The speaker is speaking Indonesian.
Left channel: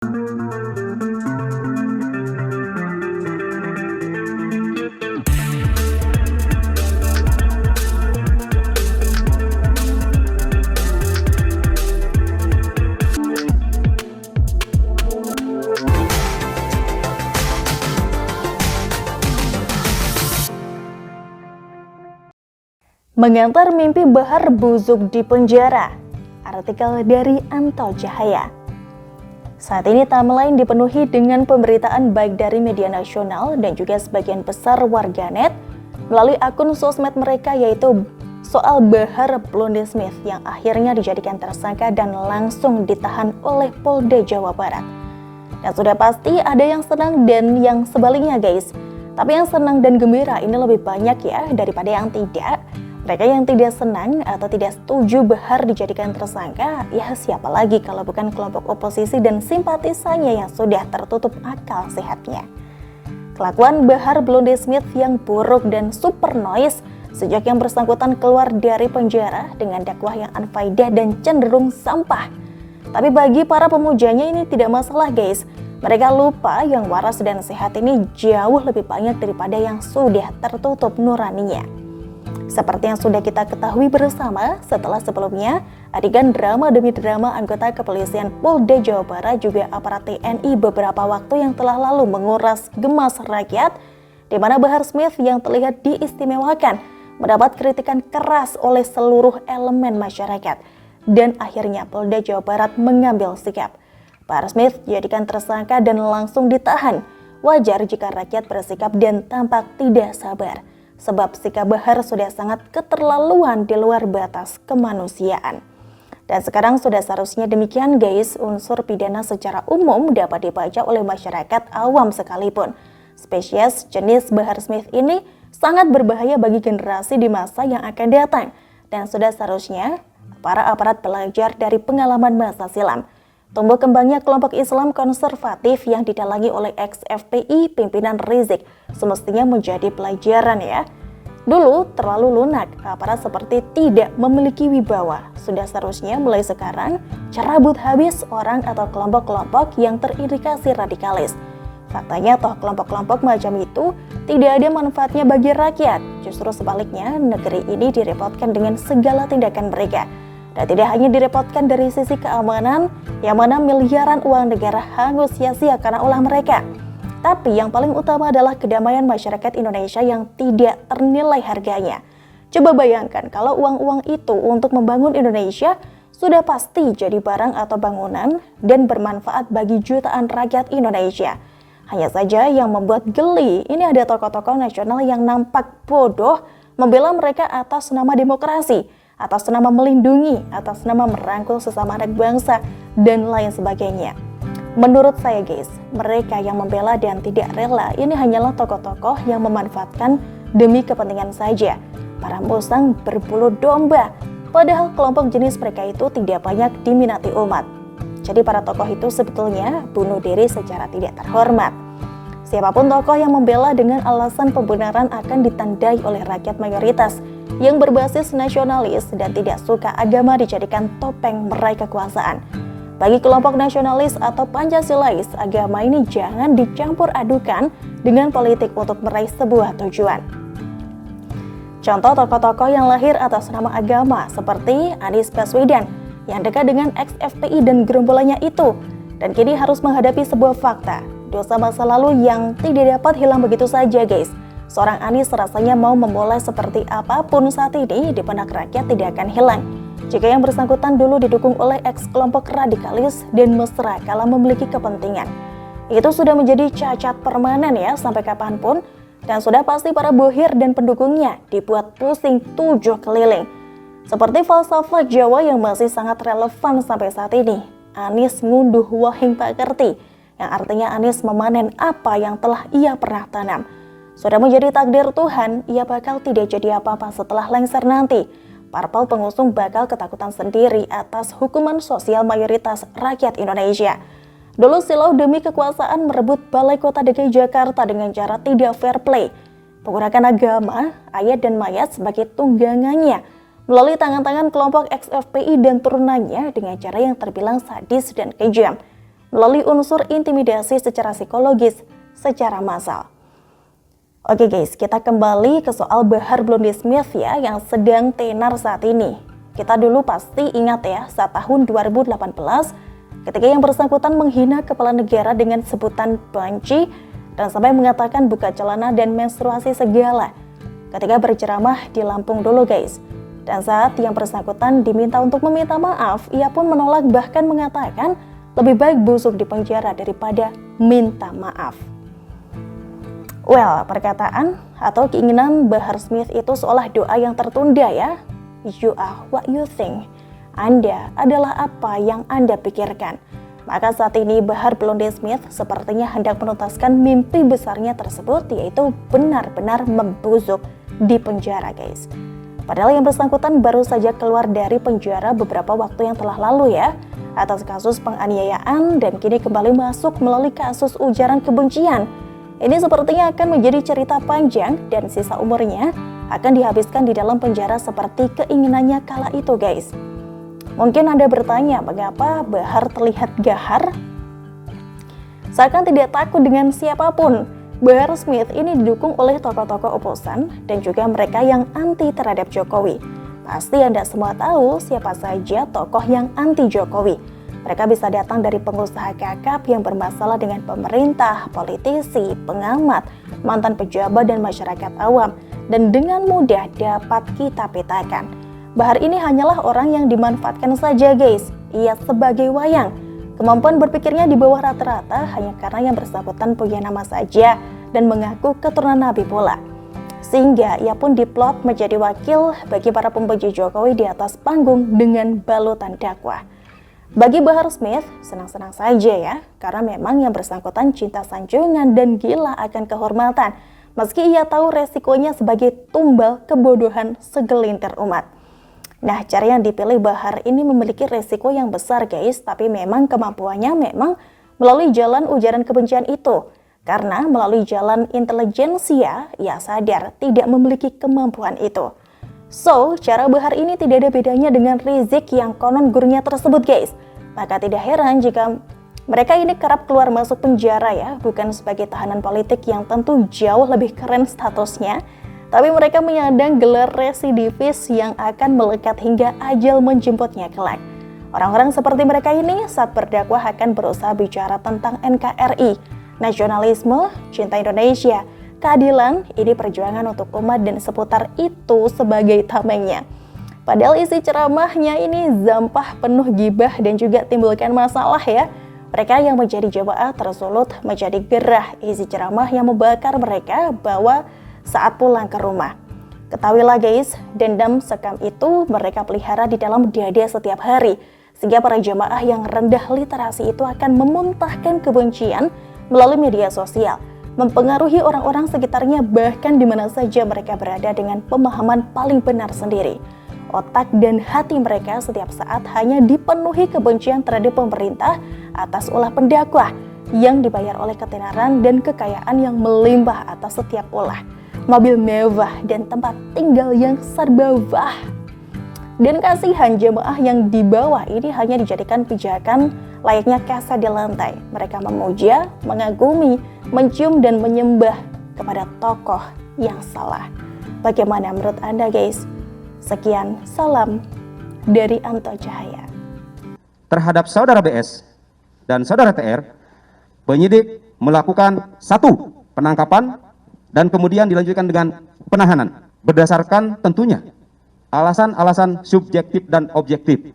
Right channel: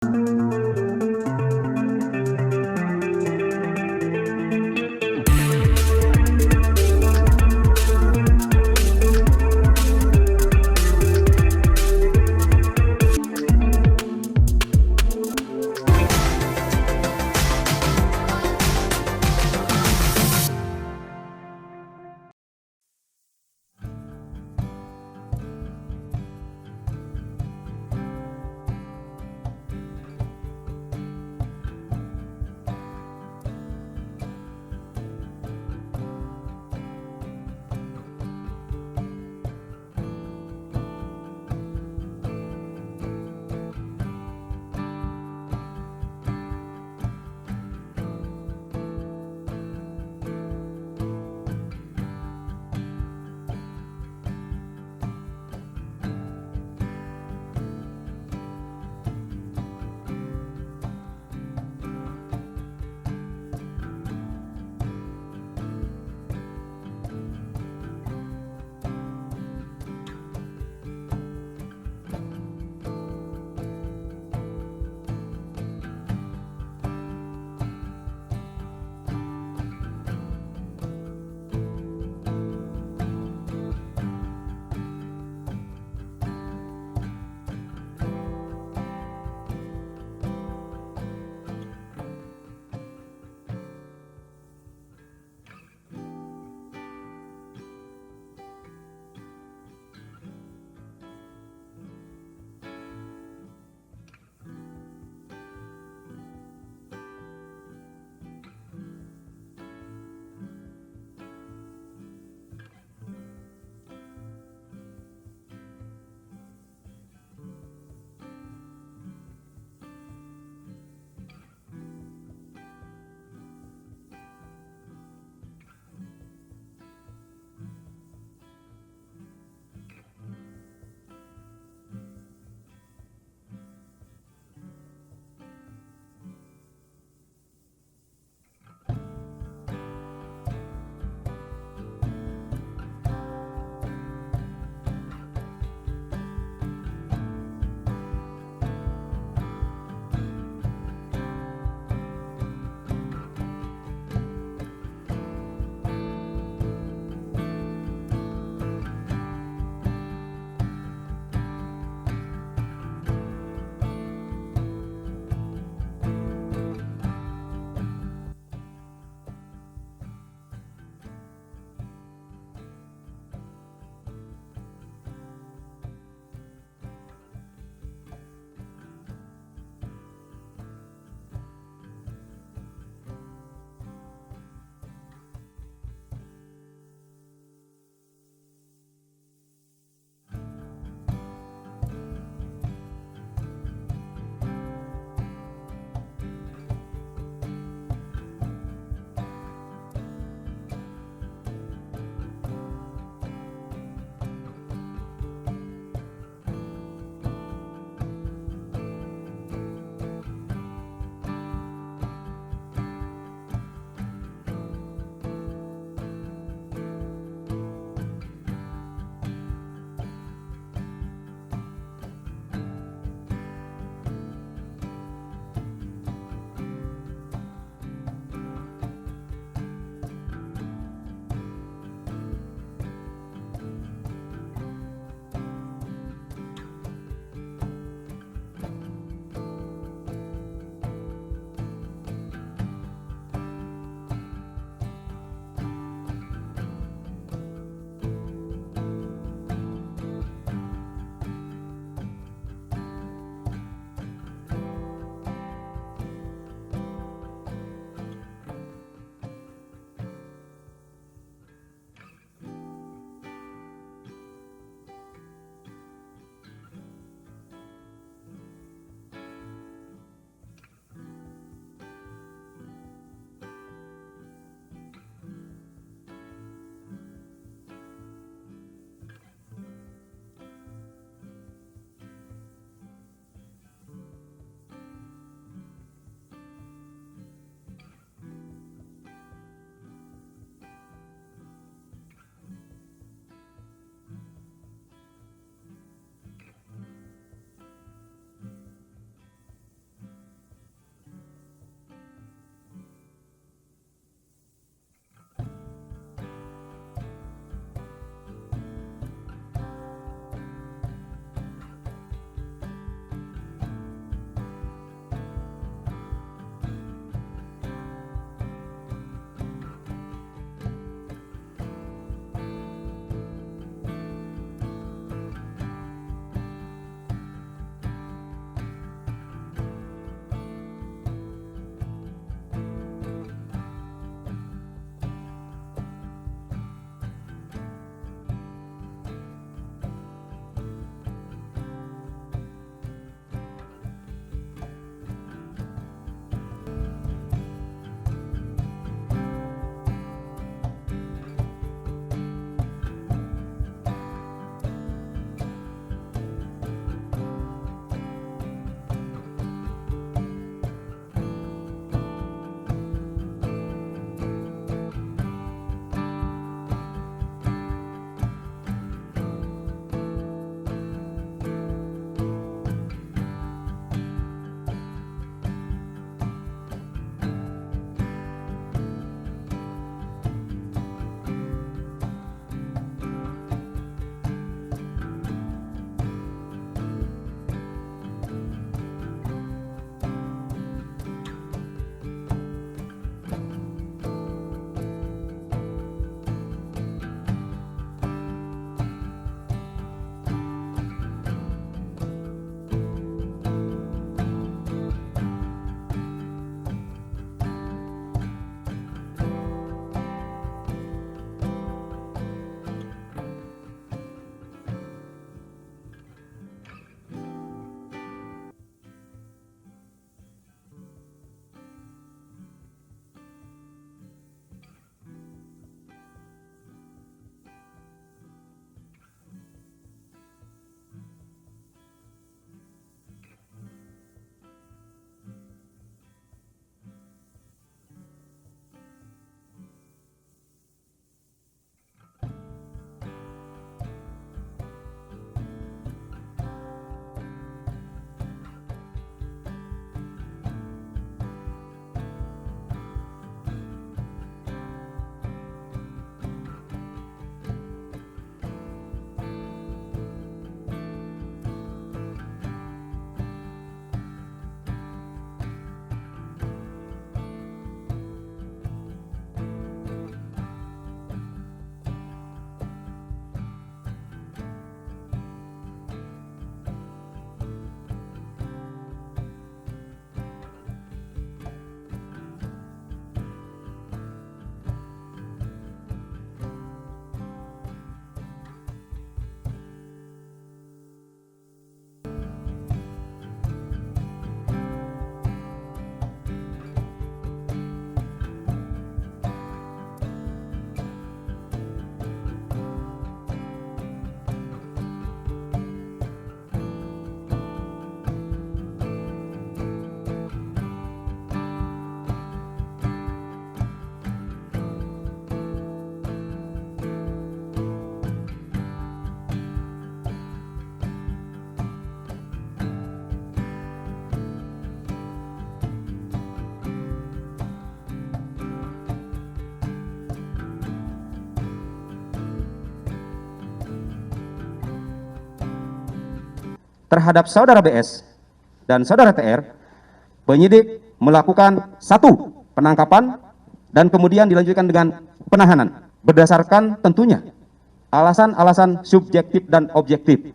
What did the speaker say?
Mengantar mimpi Bahar busuk di penjara. Artikel dari Anto Cahaya. Saat ini timeline dipenuhi dengan pemberitaan baik dari media nasional dan juga sebagian besar warganet melalui akun sosmed mereka, yaitu soal Bahar Blonde Smith yang akhirnya dijadikan tersangka dan langsung ditahan oleh Polda Jawa Barat. Dan sudah pasti ada yang senang dan yang sebaliknya, guys. Tapi yang senang dan gembira ini lebih banyak ya daripada yang tidak. Mereka yang tidak senang atau tidak setuju Bahar dijadikan tersangka, ya siapa lagi kalau bukan kelompok oposisi dan simpatisannya yang sudah tertutup akal sehatnya. Kelakuan Bahar Blonde Smith yang buruk dan super noise sejak yang bersangkutan keluar dari penjara dengan dakwah yang unfaedah dan cenderung sampah. Tapi bagi para pemujanya ini tidak masalah, guys. Mereka lupa yang waras dan sehat ini jauh lebih banyak daripada yang sudah tertutup nuraninya. Seperti yang sudah kita ketahui bersama, setelah sebelumnya adegan drama demi drama anggota kepolisian Polda Jawa Barat juga aparat TNI beberapa waktu yang telah lalu menguras gemas rakyat, di mana Bahar Smith yang terlihat diistimewakan mendapat kritikan keras oleh seluruh elemen masyarakat, dan akhirnya Polda Jawa Barat mengambil sikap. Bahar Smith dijadikan tersangka dan langsung ditahan. Wajar jika rakyat bersikap dan tampak tidak sabar, sebab sikap Bahar sudah sangat keterlaluan di luar batas kemanusiaan. Dan sekarang sudah seharusnya demikian, guys. Unsur pidana secara umum dapat dibaca oleh masyarakat awam sekalipun. Spesies jenis Bahar Smith ini sangat berbahaya bagi generasi di masa yang akan datang. Dan sudah seharusnya para aparat belajar dari pengalaman masa silam. Tumbuh kembangnya kelompok Islam konservatif yang didalangi oleh ex-FPI pimpinan Rizik semestinya menjadi pelajaran ya. Dulu terlalu lunak, aparat seperti tidak memiliki wibawa. Sudah seharusnya mulai sekarang cabut habis orang atau kelompok-kelompok yang terindikasi radikalis. Faktanya toh kelompok-kelompok macam itu tidak ada manfaatnya bagi rakyat. Justru sebaliknya, negeri ini direpotkan dengan segala tindakan mereka. Dan tidak hanya direpotkan dari sisi keamanan, yang mana miliaran uang negara hangus sia-sia karena ulah mereka. Tapi yang paling utama adalah kedamaian masyarakat Indonesia yang tidak ternilai harganya. Coba bayangkan kalau uang-uang itu untuk membangun Indonesia sudah pasti jadi barang atau bangunan dan bermanfaat bagi jutaan rakyat Indonesia. Hanya saja yang membuat geli, ini ada tokoh-tokoh nasional yang nampak bodoh membela mereka atas nama demokrasi, atas nama melindungi, atas nama merangkul sesama anak bangsa, dan lain sebagainya. Menurut saya, guys, mereka yang membela dan tidak rela ini hanyalah tokoh-tokoh yang memanfaatkan demi kepentingan saja. Para musang berbulu domba, padahal kelompok jenis mereka itu tidak banyak diminati umat. Jadi para tokoh itu sebetulnya bunuh diri secara tidak terhormat. Siapapun tokoh yang membela dengan alasan pembenaran akan ditandai oleh rakyat mayoritas yang berbasis nasionalis dan tidak suka agama dijadikan topeng meraih kekuasaan. Bagi kelompok nasionalis atau Pancasilais, agama ini jangan dicampur adukan dengan politik untuk meraih sebuah tujuan. Contoh tokoh-tokoh yang lahir atas nama agama seperti Anies Baswedan yang dekat dengan ex-FPI dan gerombolannya itu, dan kini harus menghadapi sebuah fakta, dosa masa lalu yang tidak dapat hilang begitu saja, guys. Seorang Anies rasanya mau memulai seperti apapun saat ini di benak rakyat tidak akan hilang jika yang bersangkutan dulu didukung oleh ex-kelompok radikalis dan mesra kala memiliki kepentingan. Itu sudah menjadi cacat permanen ya sampai kapanpun, dan sudah pasti para bohir dan pendukungnya dibuat pusing 7 keliling. Seperti falsafah Jawa yang masih sangat relevan sampai saat ini, Anies ngunduh wahing pakerti, yang artinya Anies memanen apa yang telah ia pernah tanam. Sudah menjadi takdir Tuhan, ia bakal tidak jadi apa-apa setelah lengser nanti. Parpol pengusung bakal ketakutan sendiri atas hukuman sosial mayoritas rakyat Indonesia. Dulu silau demi kekuasaan merebut Balai Kota DKI Jakarta dengan cara tidak fair play, menggunakan agama, ayat dan mayat sebagai tunggangannya, melalui tangan-tangan kelompok ex-FPI dan turunannya dengan cara yang terbilang sadis dan kejam. melalui unsur intimidasi secara psikologis secara massal. Oke guys, kita kembali ke soal Bahar Blondie Smith ya yang sedang tenar saat ini. Kita dulu pasti ingat ya saat tahun 2018 ketika yang bersangkutan menghina kepala negara dengan sebutan banci dan sampai mengatakan buka celana dan menstruasi segala ketika berceramah di Lampung dulu guys. Dan saat yang bersangkutan diminta untuk meminta maaf, ia pun menolak bahkan mengatakan lebih baik busuk di penjara daripada minta maaf. Well, perkataan atau keinginan Bahar Smith itu seolah doa yang tertunda ya. You are what you think. Anda adalah apa yang Anda pikirkan. Maka saat ini Bahar Blondie Smith sepertinya hendak menuntaskan mimpi besarnya tersebut, yaitu benar-benar membusuk di penjara guys. Padahal yang bersangkutan baru saja keluar dari penjara beberapa waktu yang telah lalu ya, atas kasus penganiayaan dan kini kembali masuk melalui kasus ujaran kebencian. Ini sepertinya akan menjadi cerita panjang dan sisa umurnya akan dihabiskan di dalam penjara seperti keinginannya kala itu guys. Mungkin Anda bertanya mengapa Bahar terlihat gahar? Seakan tidak takut dengan siapapun. Bahar Smith ini didukung oleh tokoh-tokoh oposan dan juga mereka yang anti terhadap Jokowi. Pasti Anda semua tahu siapa saja tokoh yang anti Jokowi. Mereka bisa datang dari pengusaha kakap yang bermasalah dengan pemerintah, politisi, pengamat, mantan pejabat dan masyarakat awam, dan dengan mudah dapat kita petakan. Bahar ini hanyalah orang yang dimanfaatkan saja guys. Ia sebagai wayang. Kemampuan berpikirnya di bawah rata-rata hanya karena yang bersangkutan punya nama saja dan mengaku keturunan Nabi pula. Sehingga ia pun diplot menjadi wakil bagi para pembenci Jokowi di atas panggung dengan balutan dakwah. Bagi Bahar Smith, senang-senang saja ya, karena memang yang bersangkutan cinta sanjungan dan gila akan kehormatan, meski ia tahu resikonya sebagai tumbal kebodohan segelintir umat. Nah, cara yang dipilih Bahar ini memiliki resiko yang besar guys, tapi memang kemampuannya memang melalui jalan ujaran kebencian itu. Karena melalui jalan intelijensia, ia sadar tidak memiliki kemampuan itu. So, cara Bahar ini tidak ada bedanya dengan Rizik yang konon gurunya tersebut guys. Maka tidak heran jika mereka ini kerap keluar masuk penjara ya, bukan sebagai tahanan politik yang tentu jauh lebih keren statusnya, tapi mereka menyandang gelar residivis yang akan melekat hingga ajal menjemputnya kelak. Orang-orang seperti mereka ini saat berdakwah akan berusaha bicara tentang NKRI, nasionalisme, cinta Indonesia, keadilan, ini perjuangan untuk umat dan seputar itu sebagai tamengnya. Padahal isi ceramahnya ini zampah penuh gibah dan juga timbulkan masalah ya. Mereka yang menjadi jamaah tersulut menjadi gerah isi ceramah yang membakar mereka bahwa saat pulang ke rumah. Ketahuilah guys, dendam sekam itu mereka pelihara di dalam dada setiap hari. Sehingga para jamaah yang rendah literasi itu akan memuntahkan kebencian melalui media sosial, mempengaruhi orang-orang sekitarnya bahkan di mana saja mereka berada dengan pemahaman paling benar sendiri. Otak dan hati mereka setiap saat hanya dipenuhi kebencian terhadap pemerintah atas ulah pendakwah yang dibayar oleh ketenaran dan kekayaan yang melimpah atas setiap ulah, mobil mewah dan tempat tinggal yang serba wah. Dan kasihan jemaah yang di bawah ini hanya dijadikan pijakan layaknya kasa di lantai. Mereka memuja, mengagumi, mencium dan menyembah kepada tokoh yang salah. Bagaimana menurut Anda guys? Sekian, salam dari Anto Cahaya. Terhadap saudara BS dan saudara TR, penyidik melakukan 1. Penangkapan dan kemudian dilanjutkan dengan penahanan berdasarkan tentunya alasan-alasan subjektif dan objektif